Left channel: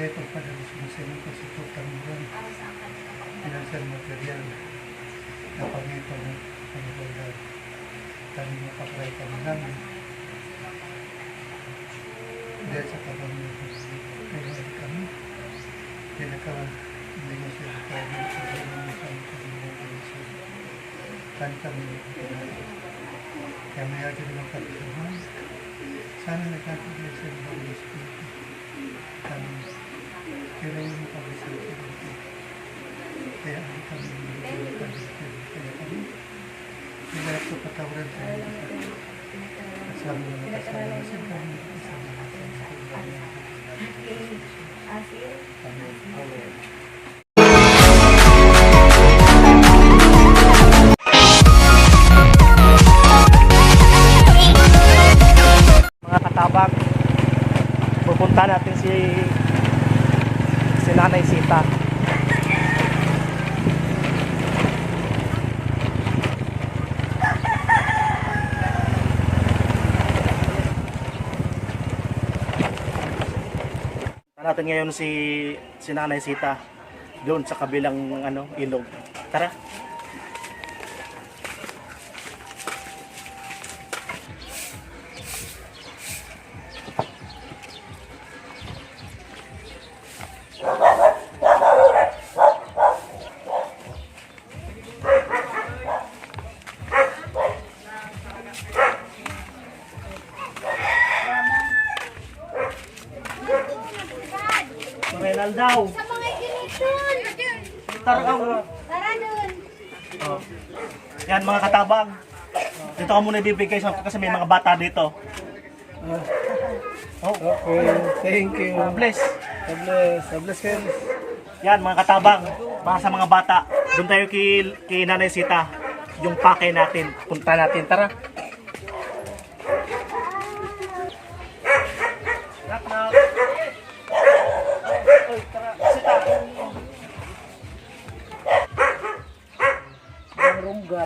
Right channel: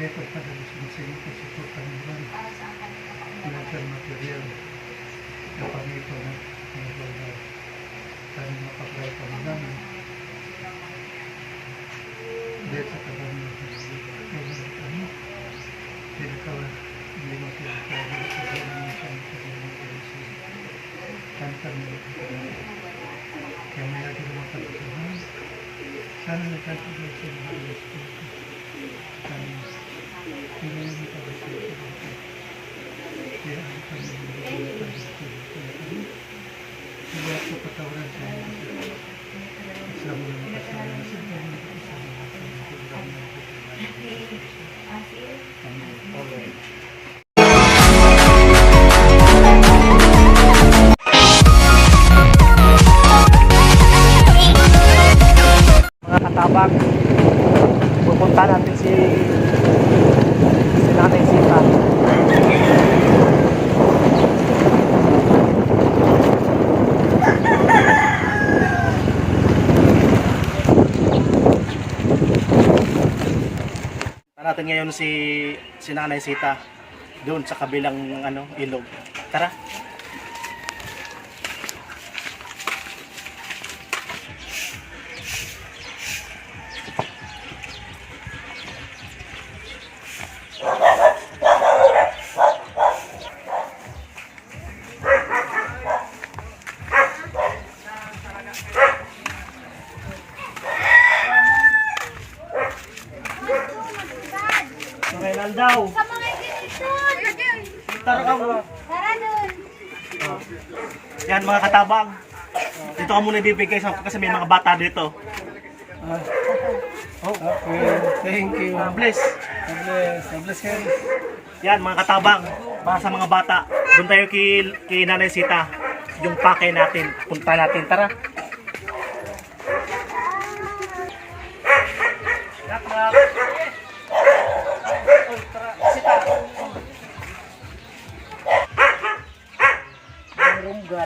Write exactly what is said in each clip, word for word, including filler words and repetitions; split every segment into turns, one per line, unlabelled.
Kaya pagpadala sa inyo po support kami doon. Financial material na pamito na pangalaga kami mapagdala kami namin. Dahil sa kami meron kami. Pinaka hindi mo siya kaya sa kami sa mga kan kami kaya may agad ng pagkakaroon. Sana nagkakagay sa mga Espiritu. Kami pero yung pag-isip ko kaya ang kami yung pag-isip kaya kami wala ko patawaran sa inyo kasama ng kasama sa inyo kasama
mga katabang, pupunta natin si si Nanay Sita. Natin ngayon si si Nanay Sita doon sa kabilang ano ilog. Tara. Renal daw.
Sa mga ginitun.
Tara ka mo.
Tara dun.
Oh. Yan mga katabang. Dito ka muna ibibigay sa kasi may mga bata dito.
Oh, okay. Thank you.
God bless.
God bless. God bless kayo.
Yan mga katabang. Para sa mga bata. Doon tayo kay, kay Nanay Sita. Yung pake natin. Punta natin. Tara. Knock knock. Oy, tara. Sita. Runggan.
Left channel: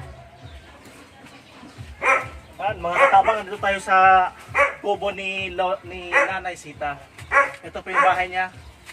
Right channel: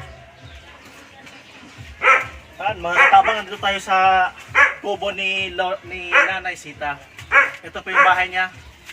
Yan, mga katabang, nandito tayo sa kubo ni, Lo, ni Nanay Sita. Ito po yung bahay niya.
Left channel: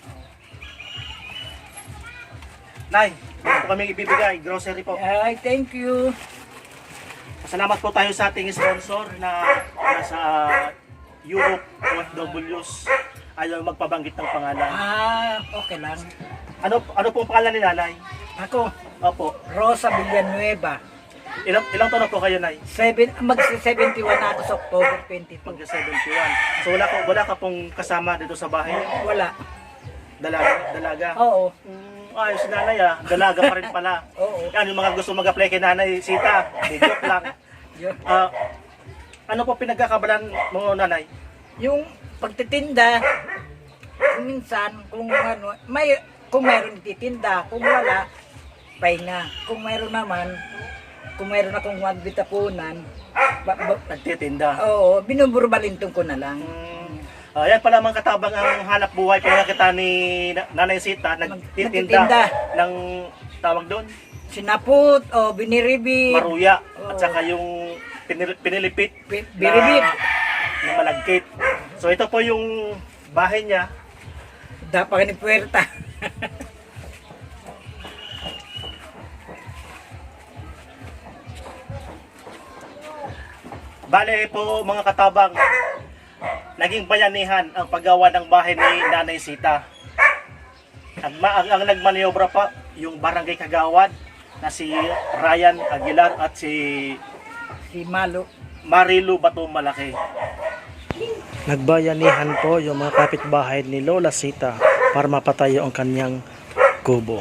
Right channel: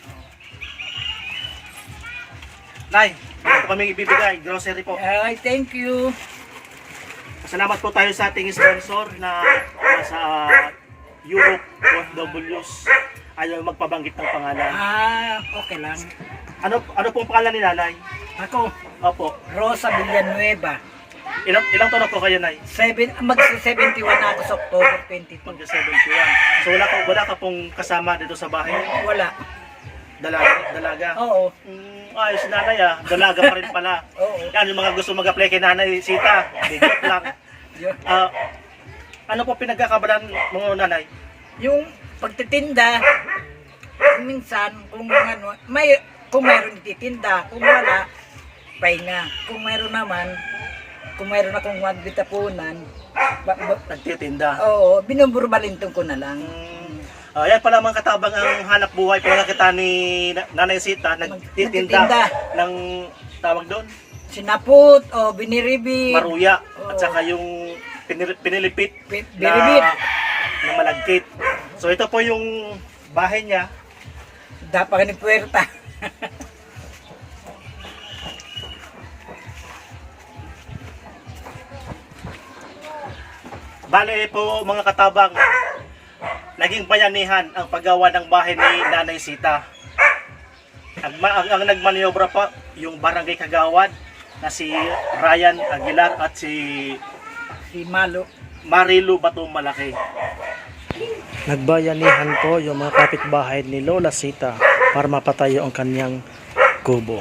Nay, ito kami ibibigay, grocery po.
Ay, thank you.
Salamat po tayo sa ating sponsor na nasa Europe, O F Ws. Ayaw magpabanggit ng pangalan.
Ah, okay lang.
Ano ano pong pangalan ni Nanay?
Ako,
Opo.
Rosa Villanueva.
Ilang ilang taon na po kayo, Nay?
Seven, mag-seventy-one na ako sa October twenty-two.
Mag seventy-one. So wala ka wala ka pong kasama dito sa bahay niyo?
Wala.
Dalaga, dalaga.
Oo.
Mm, ayos si Nanay ah. Dalaga pa rin pala.
Oo.
Yan yung mga gusto mag-apply kay Nanay Sita. Hindi, joke lang.
Yun.
Ah, ano po pinagkakabalan mo, Nanay?
Yung pagtitinda, minsan, kung ano, may, kung mayroon titinda, kung wala, pahinga. Kung mayroon naman, kung mayroon akong magbitapunan, ba, ba,
Nagtitinda.
oo, binuburbalintong ko na lang.
Mm, ah, yan pala mga katabang ang hanap buhay. Kaya kita ni Na- Nanay Sita, nagtitinda
Nagtitinda.
ng tawag doon,
Sinapot, o biniribi,
maruya. At
Oo.
saka yung pinil- pinilipit
Pi-
na,
biribit.
na malagkit. So ito po yung bahay niya.
Dapat ni puwerta.
Bale po mga katabang, naging bayanihan ang paggawa ng bahay ni Nanay Sita. Ang, ang, ang nagmaniobra pa yung barangay Kagawad na si Ryan Aguilar at si
Si Malo.
Marilu Bato Malaki. Nagbayanihan po yung mga kapitbahay ni Lola Sita para mapatayo ang kanyang kubo.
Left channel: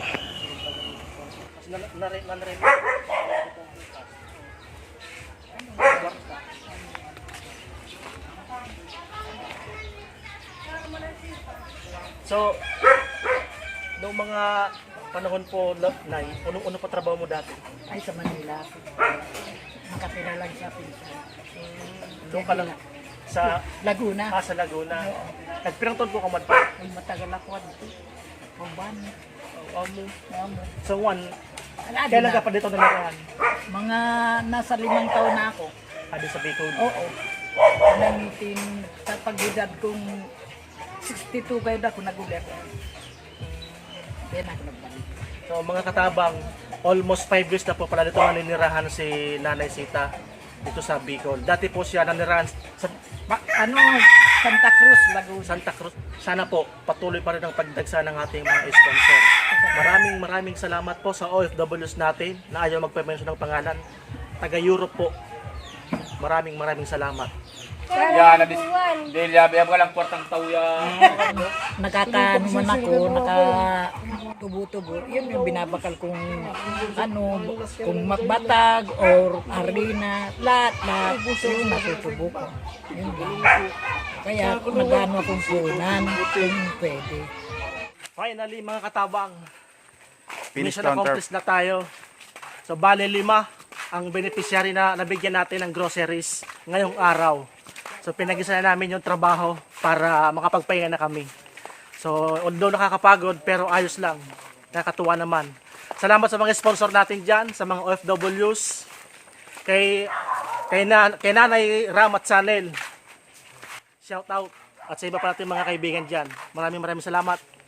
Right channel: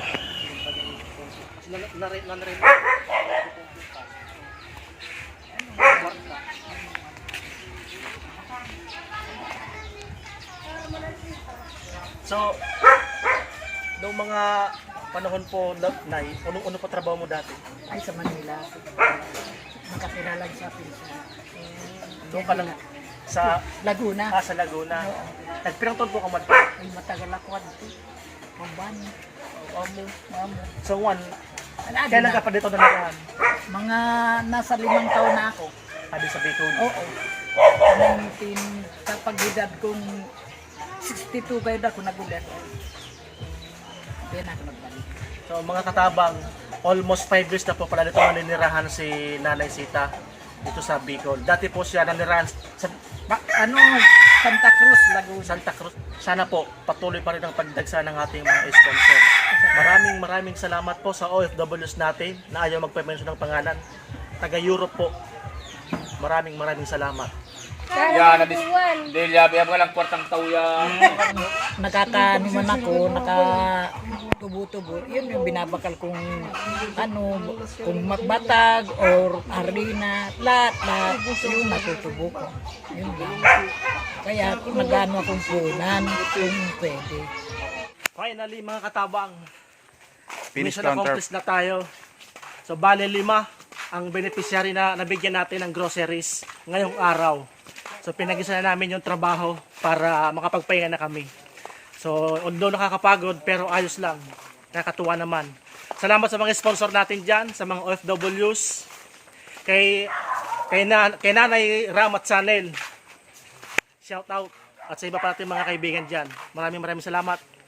So, noong mga panahon po, Nay, unong-uno pa trabaho mo dati?
Ay, sa Manila. Nakatira lang sa pinsan.
Doon ka lang sa,
Laguna.
ah, sa Laguna. Nagpirang taon po ka man pa.
Ay, matagal ako dito. Pamban.
Amo.
Amo.
So, one,
Ala,
kailan
na.
ka pa dito nalagaan?
Mga nasa limang taon na ako.
Ado sa Bicol.
Oo. nineteen, sa pag-edad kong sixty-two kayo na ako nagulat. Kaya na ako nagbalik.
So mga katabang, almost five years na po pala dito naninirahan si Nanay Sita dito sa Bicol. Dati po siya nanirahan sa
Ma, ano, Santa Cruz, Laguna.
Santa Cruz. Sana po patuloy pa rin ang pagdagsa ng ating mga sponsor. Maraming maraming salamat po sa O F Ws natin na ayaw magpe-mention ng pangalan. Taga Europe po. Maraming maraming salamat.
Ya, nabis. Delia, biya ka lang kwartang tao ya.
Nakakaano man ako, naka tubo-tubo. Yun yung binabakal kong ano, kung magbatag or harina, lahat, lahat. Yung natutubo ko. Yun lang. Kaya nagano akong punan kung pwede.
Finally mga katabang,
Finish
mission
counter.
accomplished na tayo. So bale lima ang beneficiary na nabigyan natin ng groceries ngayong araw. So pinag-isa na namin yung trabaho para makapagpahinga na kami. So although nakakapagod pero ayos lang. Nakakatuwa naman. Salamat sa mga sponsor natin dyan, sa mga O F Ws, kay, kay, na, kay Nanay Ramat Sanel. Shout out. At sa iba pa natin mga kaibigan dyan. Maraming maraming salamat.